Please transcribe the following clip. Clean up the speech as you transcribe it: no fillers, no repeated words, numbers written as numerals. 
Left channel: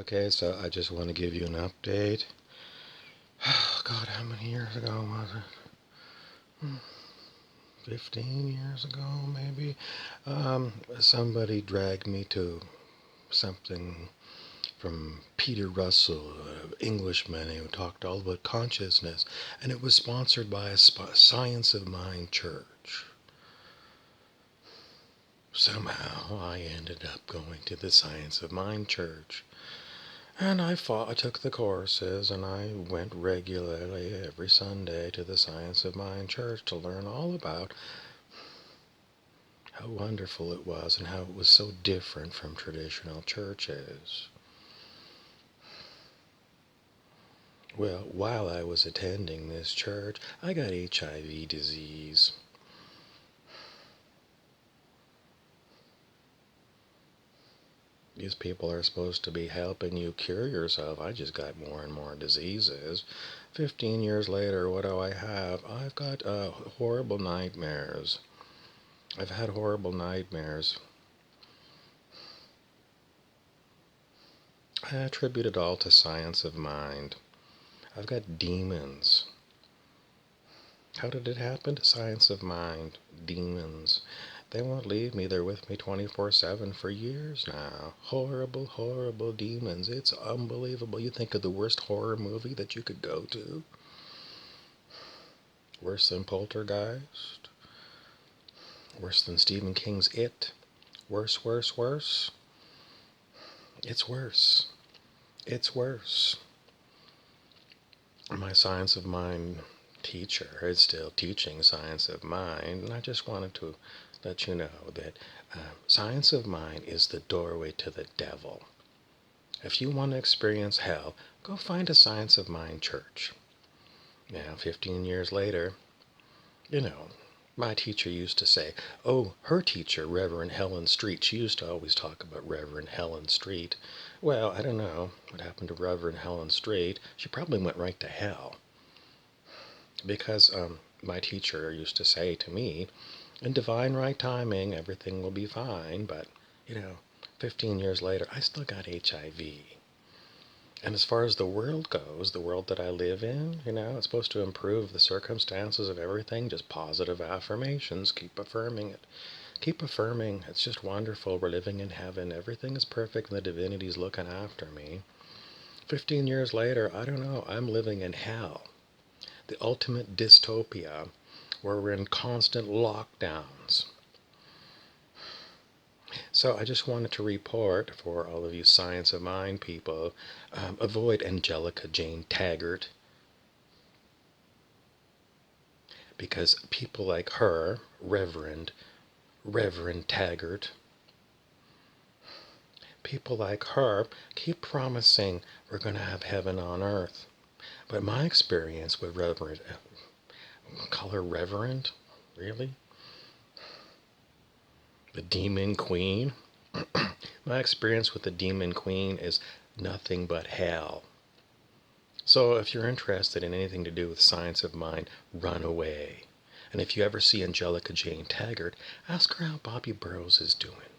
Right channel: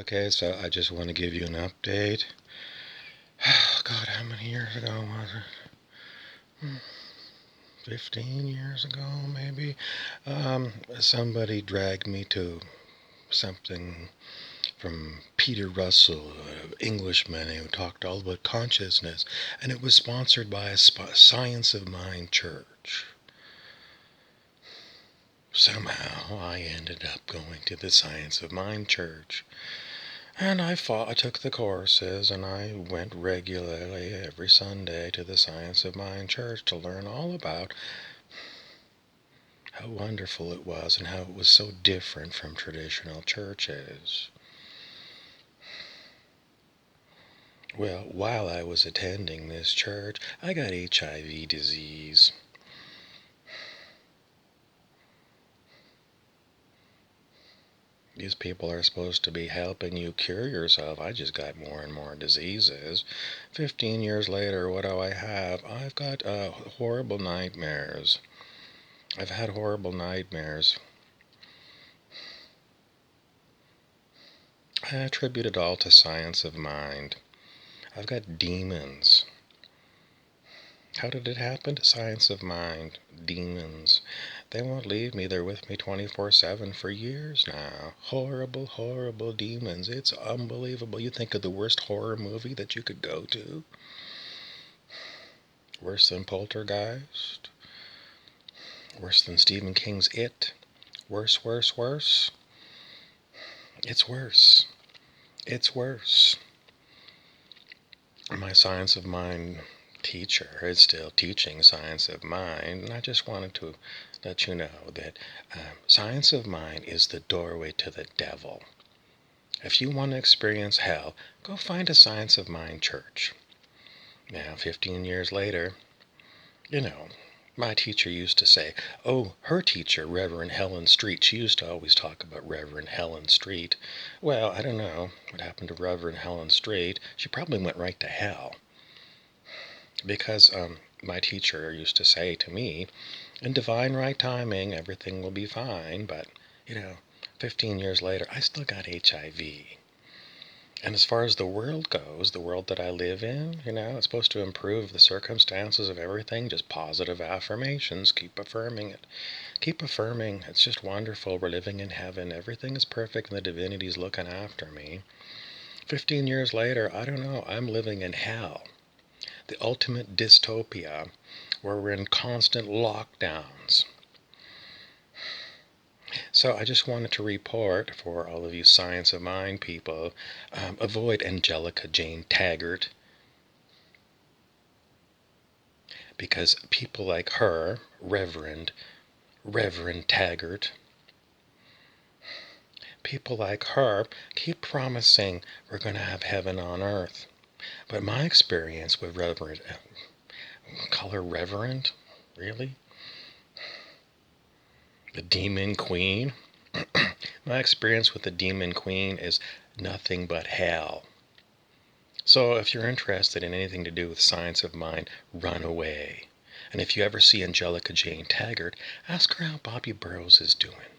Okay, so I just want to give you an update. God, how many years ago was it? 15 years ago, maybe? Somebody dragged me to something from Peter Russell, an Englishman who talked all about consciousness, and it was sponsored by a Science of Mind church. Somehow I ended up going to the Science of Mind church. And I took the courses, and I went regularly every Sunday to the Science of Mind church to learn all about how wonderful it was and how it was so different from traditional churches. Well, while I was attending this church, I got HIV disease. These people are supposed to be helping you cure yourself. I just got more and more diseases. 15 years later, what do I have? I've got horrible nightmares. I've had horrible nightmares. I attribute it all to Science of Mind. I've got demons. How did it happen? Science of Mind. Demons. They won't leave me. They're with me 24/7 for years now. Horrible, horrible demons. It's unbelievable. You think of the worst horror movie that you could go to? Worse than Poltergeist? Worse than Stephen King's It? Worse, worse, worse? It's worse. It's worse. My Science of Mind teacher is still teaching Science of Mind, and I just wanted to let you know that Science of Mind is the doorway to the devil. If you want to experience hell, go find a Science of Mind church. Now, 15 years later, my teacher used to say, oh, her teacher, Reverend Helen Street, she used to always talk about Reverend Helen Street. Well, I don't know what happened to Reverend Helen Street. She probably went right to hell. Because my teacher used to say to me, in divine right timing, everything will be fine. But, 15 years later, I still got HIV. And as far as the world goes, the world that I live in, it's supposed to improve the circumstances of everything. Just positive affirmations. Keep affirming it. Keep affirming. It's just wonderful. We're living in heaven. Everything is perfect and the divinity's looking after me. 15 years later, I don't know. I'm living in hell. The ultimate dystopia where we're in constant lockdowns. So I just wanted to report for all of you Science of Mind people, avoid Angelica Jane Taggart, because people like her, Reverend Taggart, people like her keep promising we're going to have heaven on earth. But my experience with call her Reverend, really? The Demon Queen? My experience with the Demon Queen is nothing but hell. So if you're interested in anything to do with Science of Mind, run away. And if you ever see Angelica Jane Taggart, ask her how Bobby Burrows is doing.